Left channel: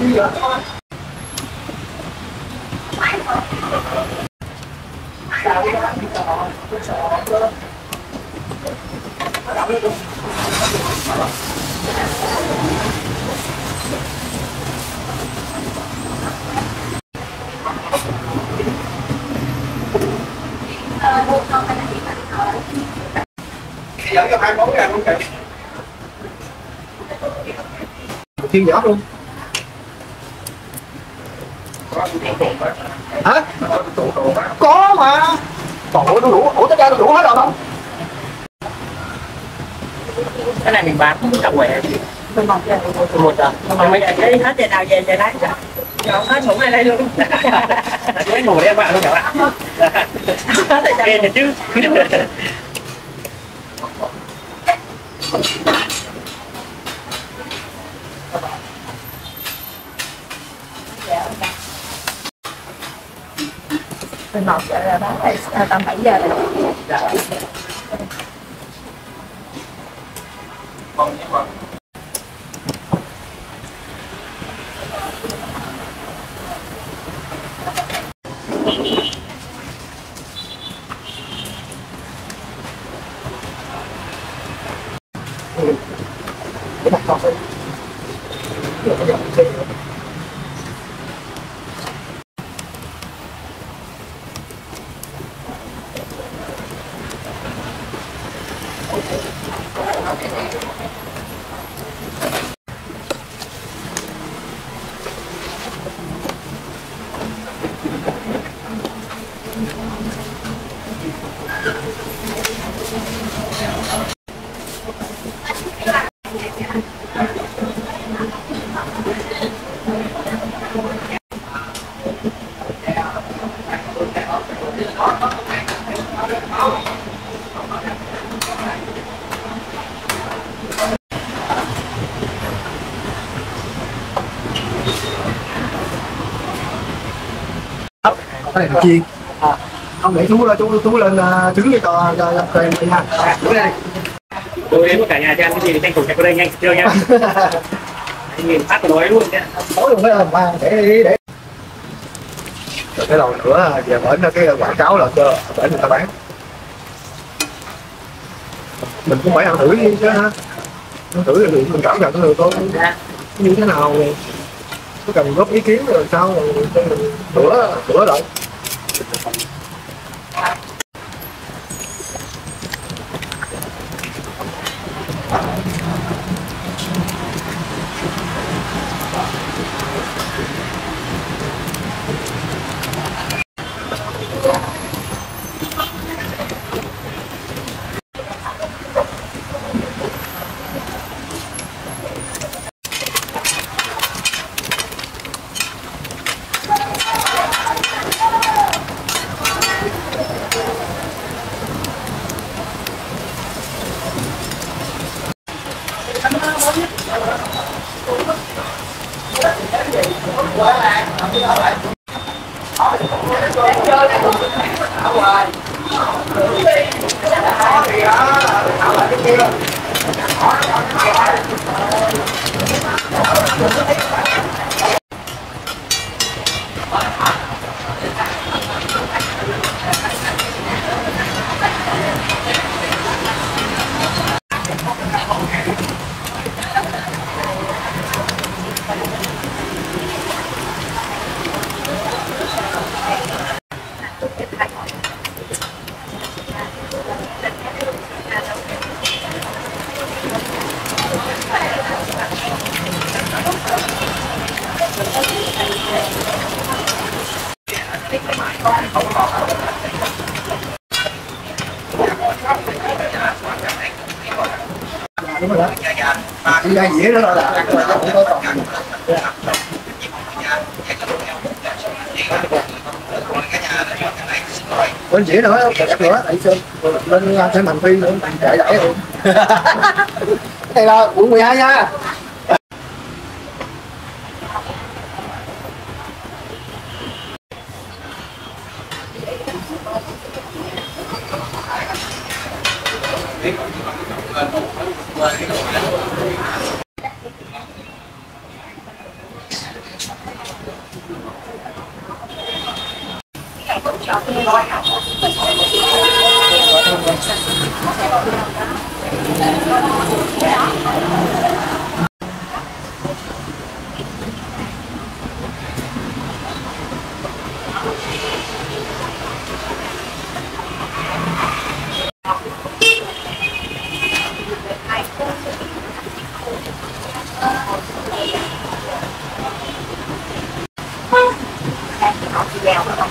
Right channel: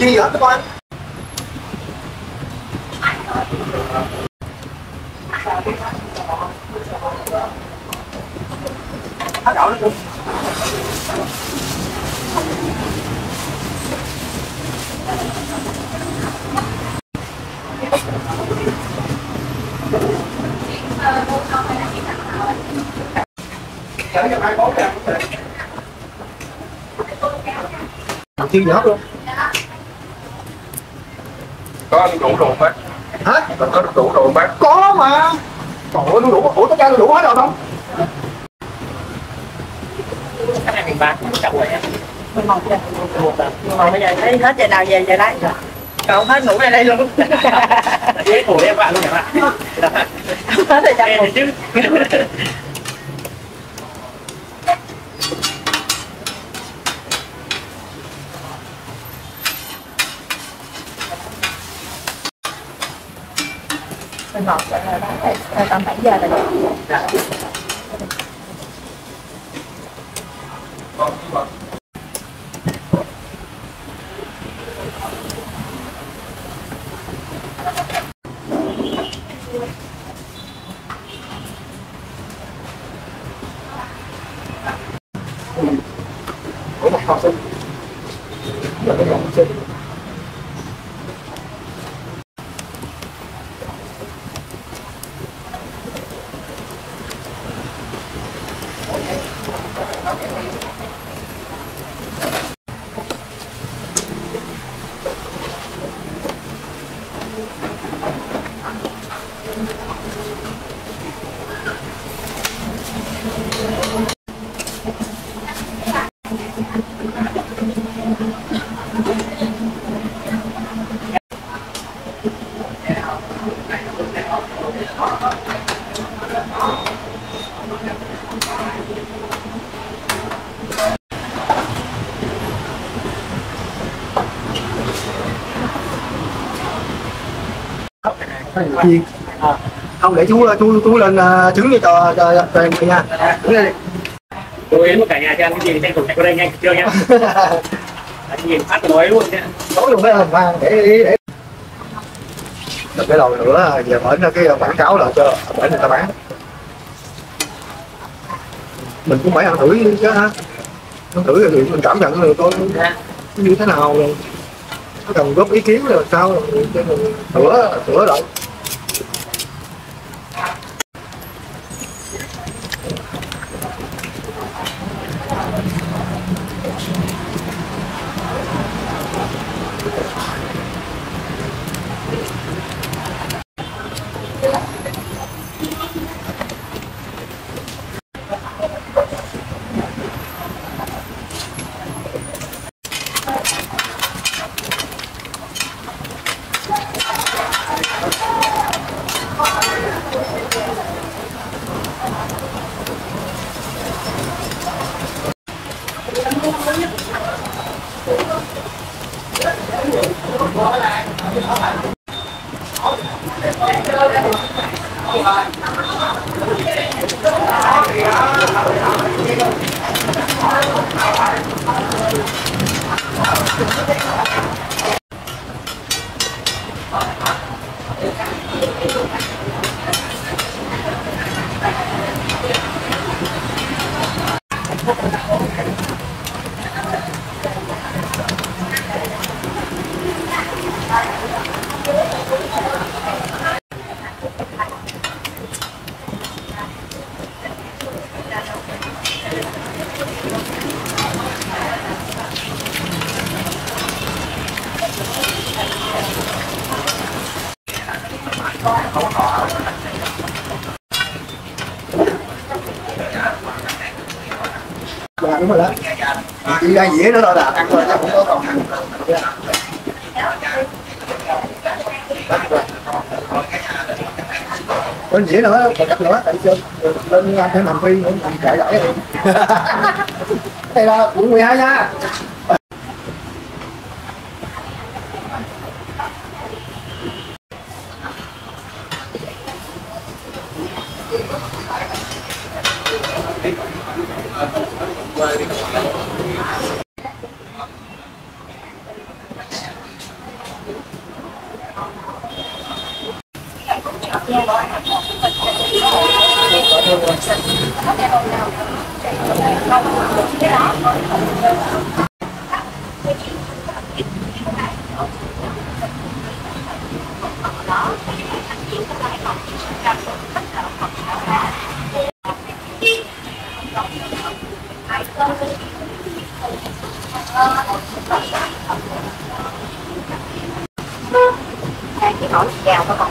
chi vậy các bạn? Dẫn cho 24 ngàn không chị? Chiên giỏ luôn. Có đủ đồ bác. Hả? Có đủ đồ bác. Có mà. Trời ơi, đủ. Ủa tất cả đủ hết rồi không? Cái này mình bán chậu quẻ. Mình mong chưa? Một giờ. Còn bây giờ lấy hết giờ nào về lấy. Không hết đủ này đây luôn. Lấy ngủ em bạn luôn chẳng hạn. Hết thời gian chứ. Mình một giờ là bán tầm 7 giờ rồi. Cái này không xin. Rồi cái dòng xin. Cái này là chiên. Ông để chú lên trứng cho em đi nha. Đứng đây đi. Tôi đến cả nhà cho ăn cái gì thì tranh thủ chạy qua đây nhanh chưa nha. Anh nhìn phát nói luôn đấy. Nói luôn đấy mà để. Rồi cái đầu nữa giờ mở ra cái quảng cáo là cho để người ta bán. Mình cũng phải ăn thử chứ ha. Ăn thử thì mình cảm nhận được coi như thế nào rồi. Có cần góp ý kiến rồi sao sửa lại. Dạ đúng rồi đó. Chỉ ra dĩa nữa thôi là ăn rồi, không có còn. Bên dĩa nữa, chắc nữa, tại sơn lên ăn thêm hành phi nữa, mình chạy đẩy luôn. Đây là quận 12 nha. Hỏi chị giàu có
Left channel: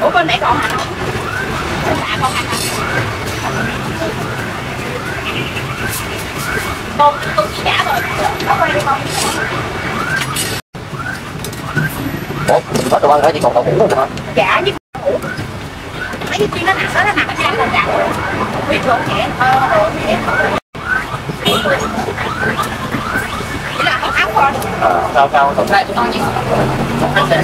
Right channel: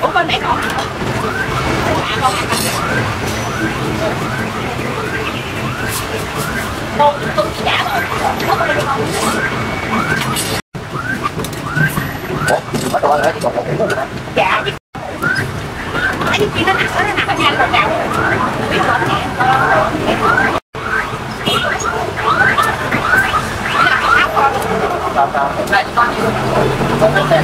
còn con mẹ còn hả? Con hả? Con chỉ trả thôi. Nó quay cho con. Ủa, có đồ ăn chỉ còn đậu hũ thôi hả? Dạ chứ. Mấy cái kia nó nặng ở trên còn nặng. Biết rồi nhẹ. Chỉ là con áo thôi. Sao hôm nay con nhiều. Con ăn đẹp.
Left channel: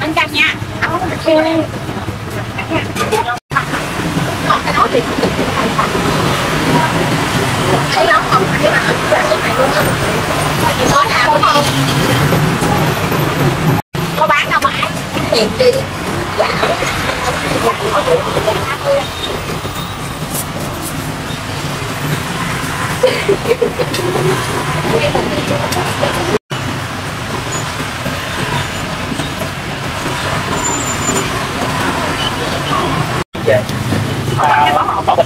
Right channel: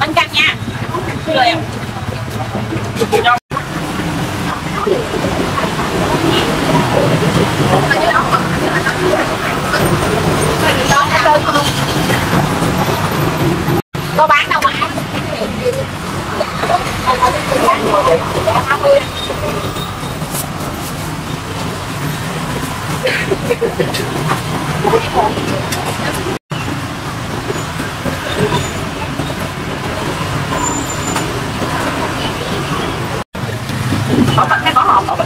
Bánh canh nha. Có bán đâu mà ăn thiệt đi. Cái có hộp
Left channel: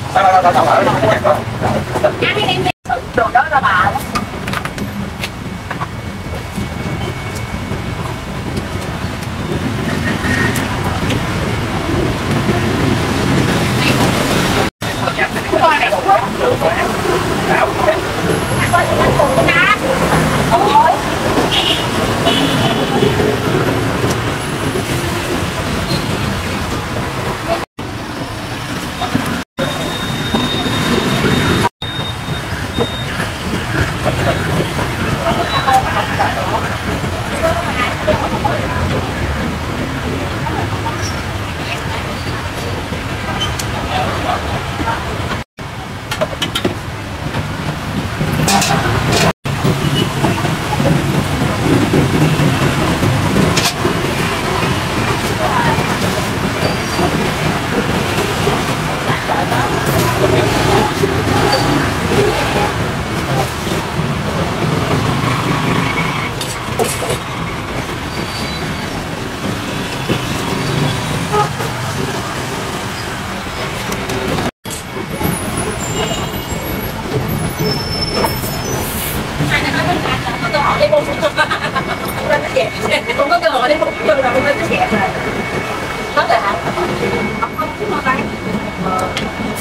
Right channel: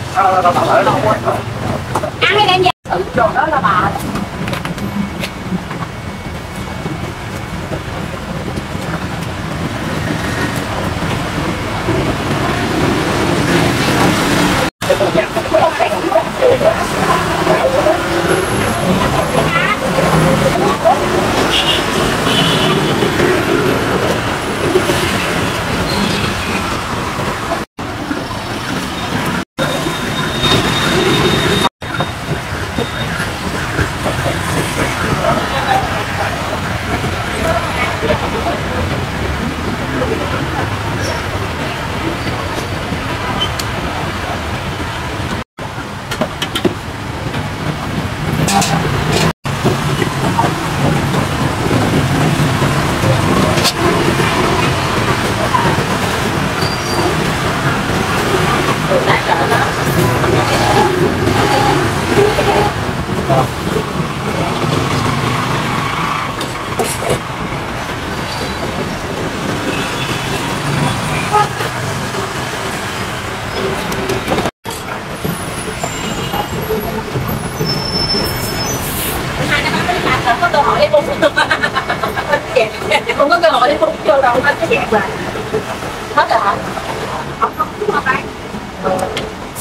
ăn hay đem về tự đồ đó là bà. dẹp, không có cơ hội để không vô đâu nên nó dẹp rồi. Hết rồi hả? Không đúng rồi phải.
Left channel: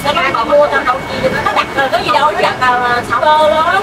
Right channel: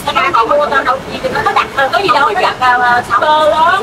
Nó bán họ mua tao đâu chi nó đặt có gì đâu, nó đặt vào shipper đó.